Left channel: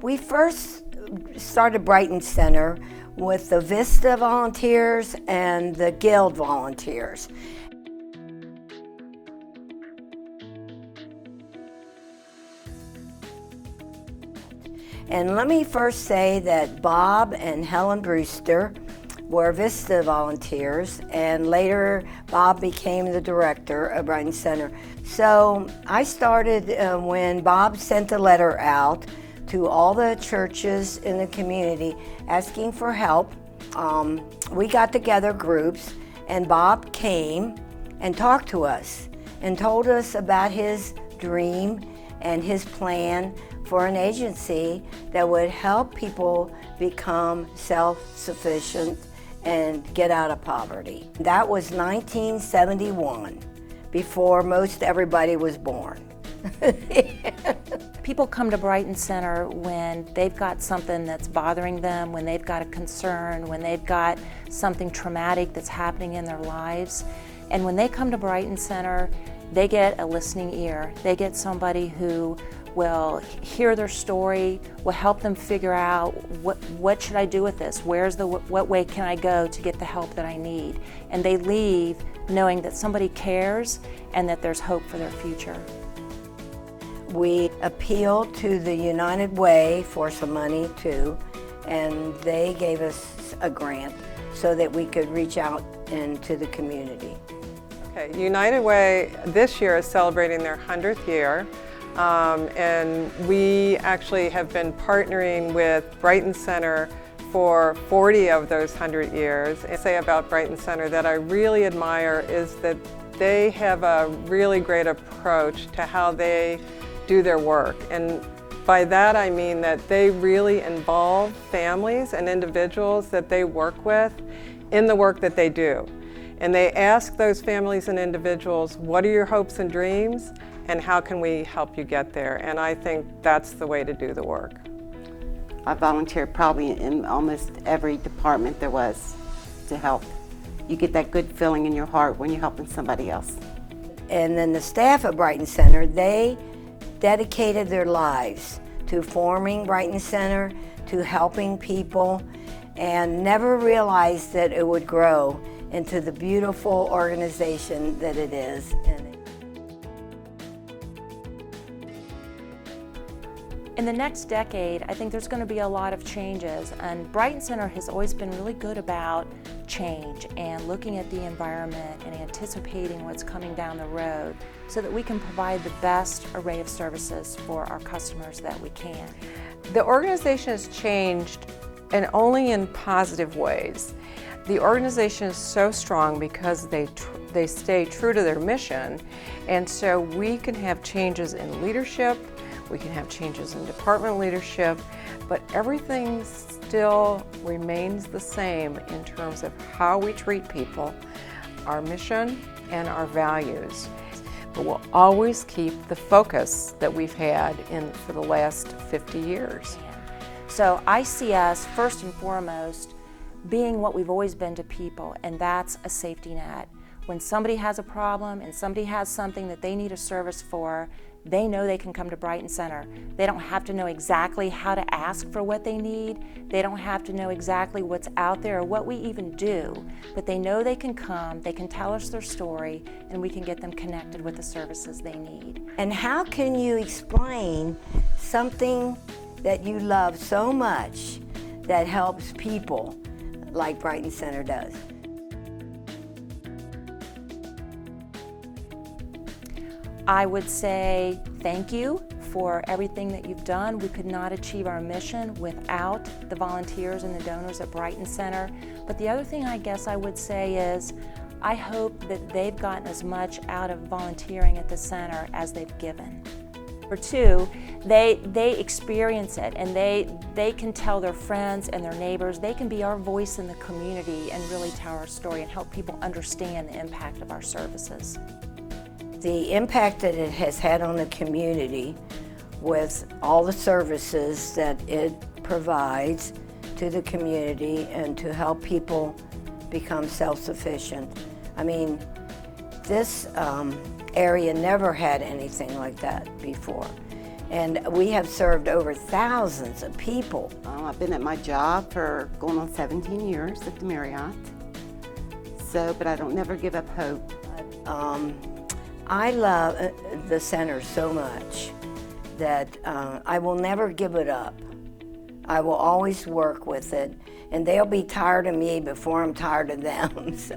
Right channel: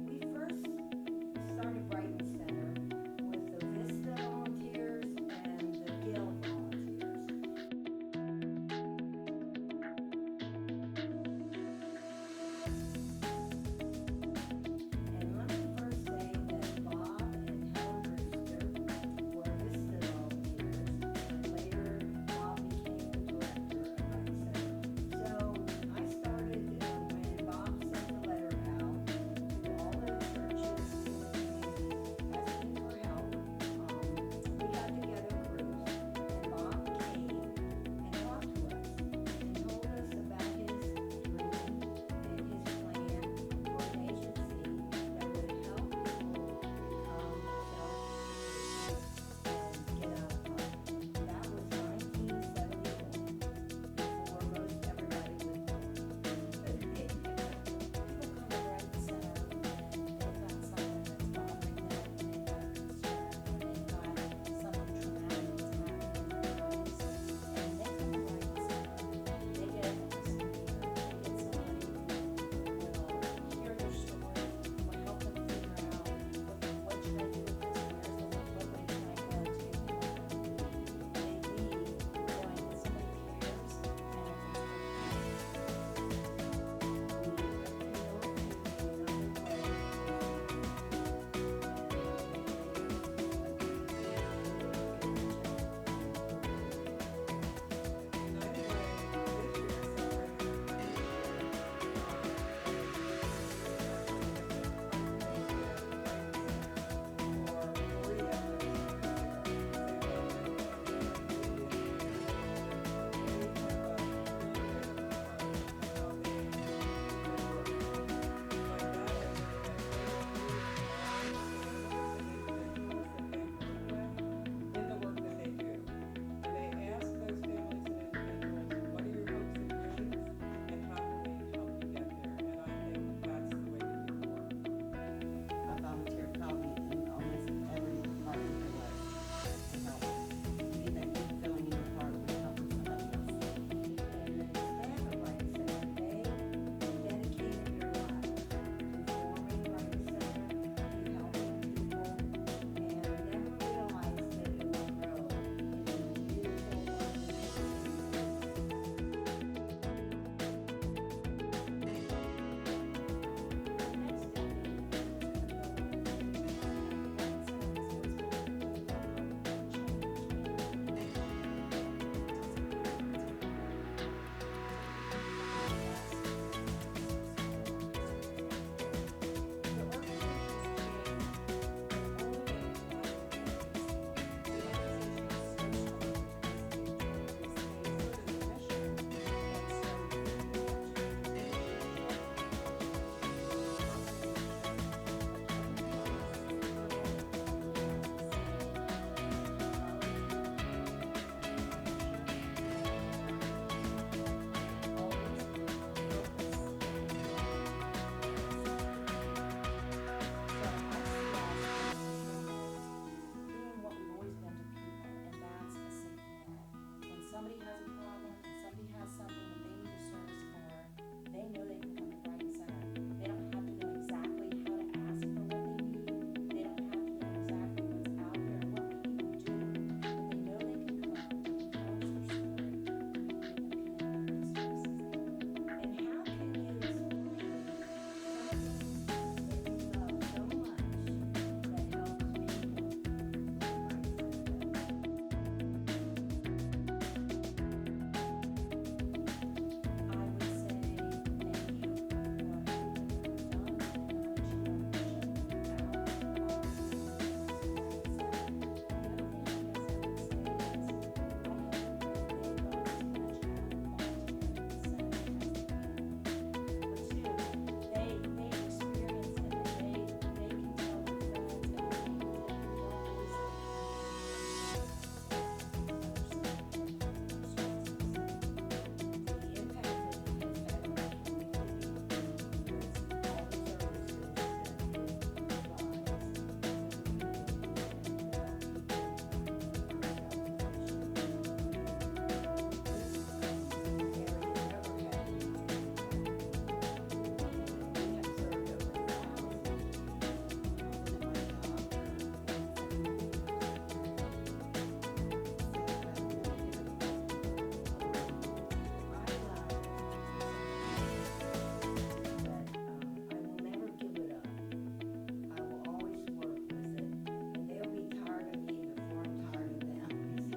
We first started Brighton Center with the Vista volunteers and the Guild volunteers. And let me first say that Bob and Helen Brewster were Vista volunteers, and later Bob became the director of Brighton Center. So I started when Bob sent a letter out to all the churches in the community asking for help. We got together groups, and Bob came and talked to us and told us about his dream and his plan for an agency that would help people become self-sufficient and get out of poverty. That was 1971, before most everybody was born. People come to Brighton Center when they've got something that's bothering them, when they've got a concern, when they've got something traumatic that's happening in their lives. And when they come to Brighton Center, they get a listening ear. They get somebody who will hear their story, will help them figure out what should I do with this? What way can I go to get the help that I need? And they leave knowing that somebody cares and that there's hope for their future. We appealed to the United Way for some money too, and they gave us a grant so that we could reach out into the community. Okay, United Way this year is celebrating their 100th year. And we actually have been partnering with Brighton Center for 40 of those 100 years. I say about Brighton Center that I really admire is that they have a really great approach to how they do their work. And by that I mean that they really involve families and individuals that they work with in the work that they do. And they ask those families and individuals, what are your hopes and dreams? And how can we help you get there? And I think that's the way to do the work. I volunteered probably in almost every department there was to help. You get that good feeling in your heart when you're helping somebody else. And then the staff at Brighton Center, they dedicated their lives to forming Brighton Center, to helping people, and never realized that it would grow into the beautiful organization that it is. In the next decade, I think there's going to be a lot of changes, and Brighton Center has always been really good about change and looking at the environment and anticipating what's coming down the road so that we can provide the best array of services for our customers that we can. The organization has changed, and only in positive ways. The organization is so strong because they stay true to their mission, and so we can have changes in leadership, we can have changes in department leadership, but everything still remains the same in terms of how we treat people, our mission, and our values. But we'll always keep the focus that we've had for the last 50 years. So I see us, first and foremost, being what we've always been to people, and that's a safety net. When somebody has a problem and somebody has something that they need a service for, they know they can come to Brighton Center. They don't have to know exactly how to ask for what they need. They don't have to know exactly what's out there or what we even do, but they know they can come, they can tell us their story, and we can get them connected with the services they need. And how can you explain something that you love so much that helps people like Brighton Center does? I would say thank you for everything that you've done. We could not achieve our mission without the volunteers and the donors at Brighton Center. But the other thing I guess I would say is I hope that they've gotten as much out of volunteering at the center as they've given. Or two, they experience it, and they can tell their friends and their neighbors. They can be our voice in the community and really tell our story and help people understand the impact of our services. The impact that it has had on the community with all the services that it provides to the community and to help people become self-sufficient. I mean, this area never had anything like that before. And we have served over thousands of people. I've been at my job for going on 17 years at the Marriott. So, but I don't never give up hope. I love the center so much that I will never give it up. I will always work with it, and they'll be tired of me before I'm tired of them. So.